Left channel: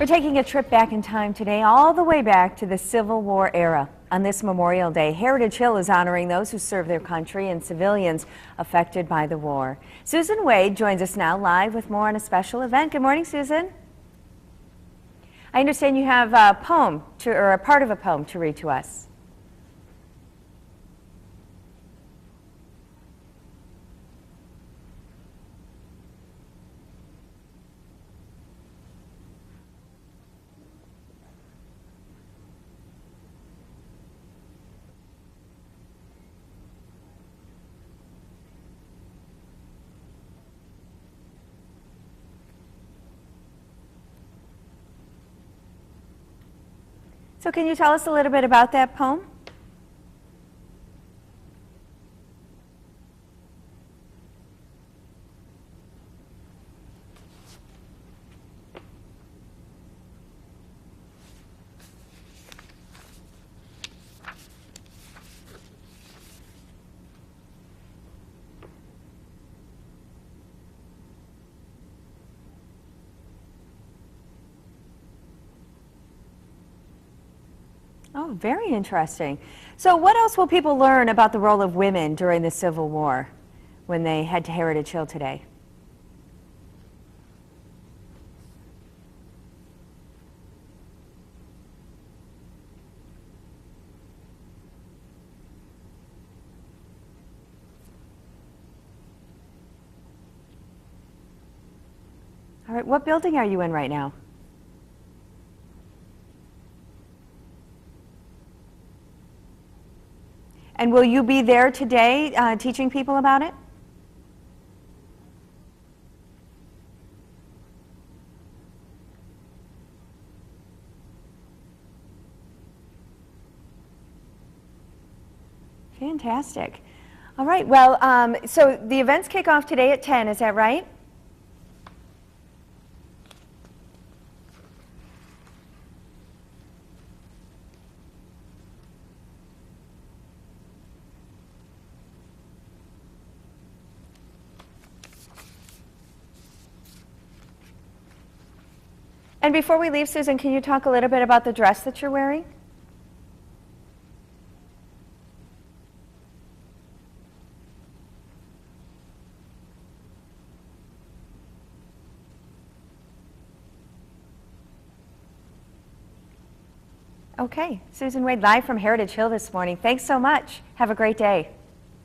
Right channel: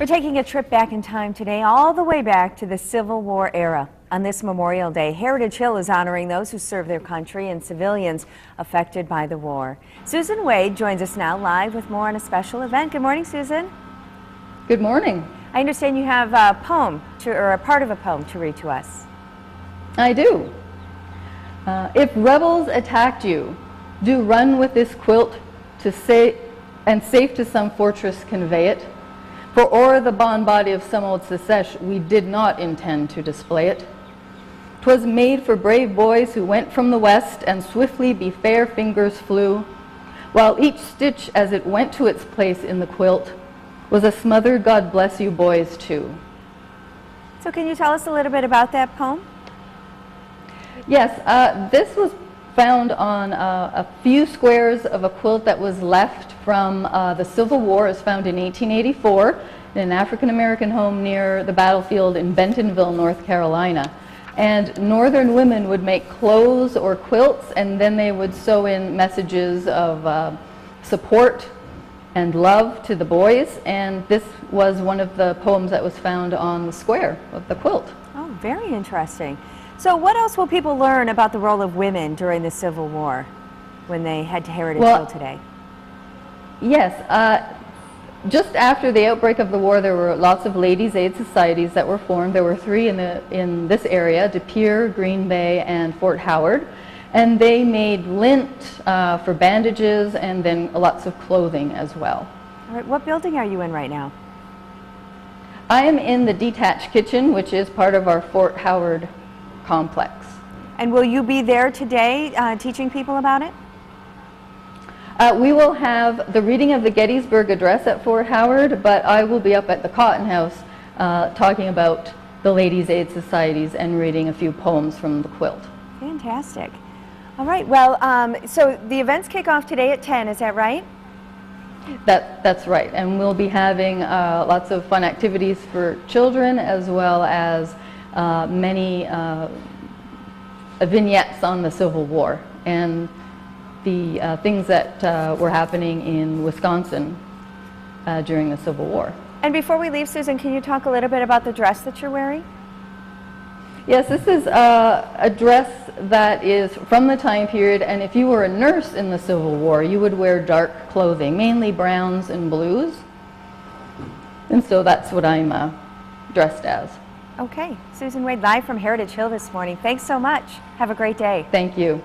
We're taking a trip back in time today, all the way back to the Civil War era. On this Memorial Day, Heritage Hill is honoring those who served their country and civilians affected by the war. Susan Wade joins us now live with more on a special event. Good morning, Susan. Good morning. I understand you have a poem, or a part of a poem to read to us. I do. If rebels attacked you, do run with this quilt to say, and safe to some fortress convey it. For o'er the bond body of some old secesh, we did not intend to display it. 'Twas made for brave boys who went from the west, and swiftly be fair fingers flew, while each stitch as it went to its place in the quilt was a smothered God bless you boys too. So can you tell us a little bit about that poem? Yes, this was found on a few squares of a quilt that was left from the Civil War. It was found in 1884 in an African-American home near the battlefield in Bentonville, North Carolina. And Northern women would make clothes or quilts, and then they would sew in messages of support and love to the boys. And this was one of the poems that was found on the square of the quilt. Oh, very interesting. So what else will people learn about the role of women during the Civil War when they head to Heritage Hill today? Yes, just after the outbreak of the war, there were lots of ladies' aid societies that were formed. There were three in this area: De Pere, Green Bay, and Fort Howard. And they made lint for bandages and then lots of clothing as well. All right, what building are you in right now? I am in the detached kitchen, which is part of our Fort Howard complex. And will you be there today teaching people about it? We will have the reading of the Gettysburg Address at Fort Howard, but I will be up at the Cotton House talking about the Ladies' Aid Societies and reading a few poems from the quilt. Fantastic. All right, well, so the events kick off today at 10, is that right? That's right, and we'll be having lots of fun activities for children, as well as many vignettes on the Civil War and the things that were happening in Wisconsin during the Civil War. And before we leave, Susan, can you talk a little bit about the dress that you're wearing? Yes, this is a dress that is from the time period, and if you were a nurse in the Civil War, you would wear dark clothing, mainly browns and blues. And so that's what I'm dressed as. Okay, Susan Wade live from Heritage Hill this morning. Thanks so much. Have a great day. Thank you.